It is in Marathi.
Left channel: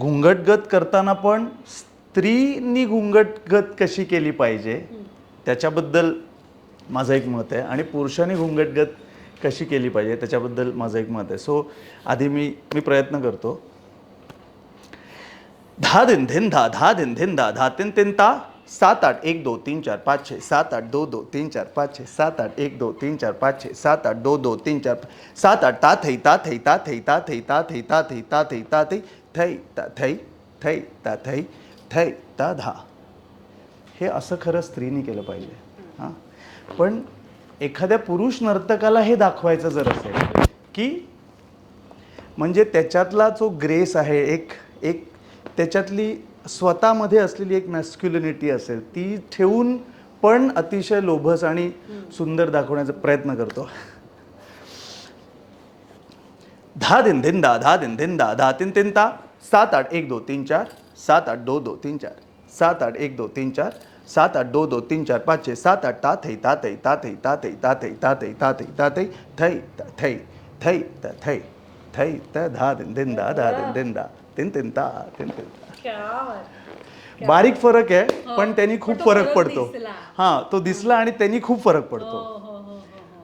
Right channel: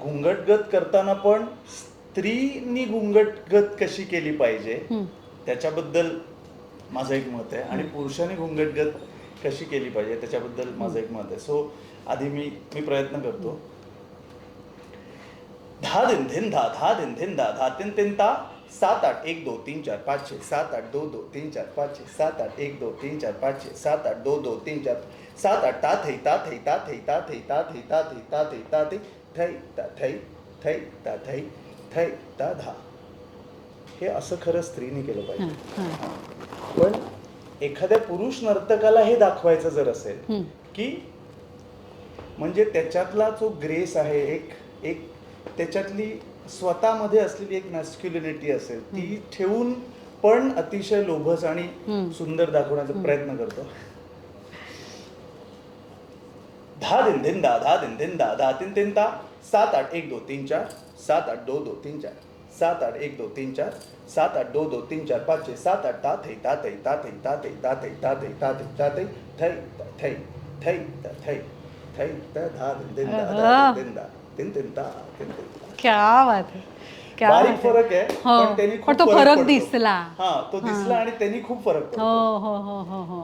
घुंगटगत करताना पण स्त्रीनी घुंगटगत कशी केली पाहिजे त्याच्याबद्दल माझं एक मत आहे आणि पुरुषांनी घुंगटगत कशी केली पाहिजे त्याच्याबद्दल माझं एक मत आहे. सो आधी मी प्रयत्न करतो. धा दिन धिन धा धा दिन धिन धा धा तिन तिन ता 7 8 1 2 3 4 5 6 7 8 2 2 3 4 5 6 7 8 1 2 3 4 5 6 7 8 2 2 3 4 7 8 ता थै ता थै ता थै ता थै ता थै ता थै ता थै ता थै थै ता थै थै ता थै थै ता धा. हे असं खरं स्त्रीनी केलं पाहिजे. पण एखाद्या पुरुष नर्तकाला हे दाखवायचं जर असेल की म्हणजे त्याच्यातला जो ग्रेस आहे एक एक त्याच्यातली स्वतःमध्ये असलेली एक मॅस्क्युलिनिटी असेल ती ठेवून पण अतिशय लोभस आणि सुंदर दाखवण्याचा प्रयत्न करतो. धा दिन धिन दा धा दिन धिन दा धा तिन तिन ता 7 8 1 2 3 4 7 8 2 2 3 4 7 8 1 2 3 4 7 8 2 2 3 4 5 6 7 8 ता थै ता थै ता थै ता थै ता थै ता थै ता थै ता थै थै ता थै थै ता थै थै ता धा दिन धिन दा धा दिन धिन दा तिन तिन ता तिन तिन. क्या बात आहे. क्या बारीक बात फरक आहे हो. पण त्यांनी पण खूप तो फरक फरक पडतो. दिसला. हा तो दिसला आणि त्यांनी खूप फरक पडतो. हो हो हो हो हो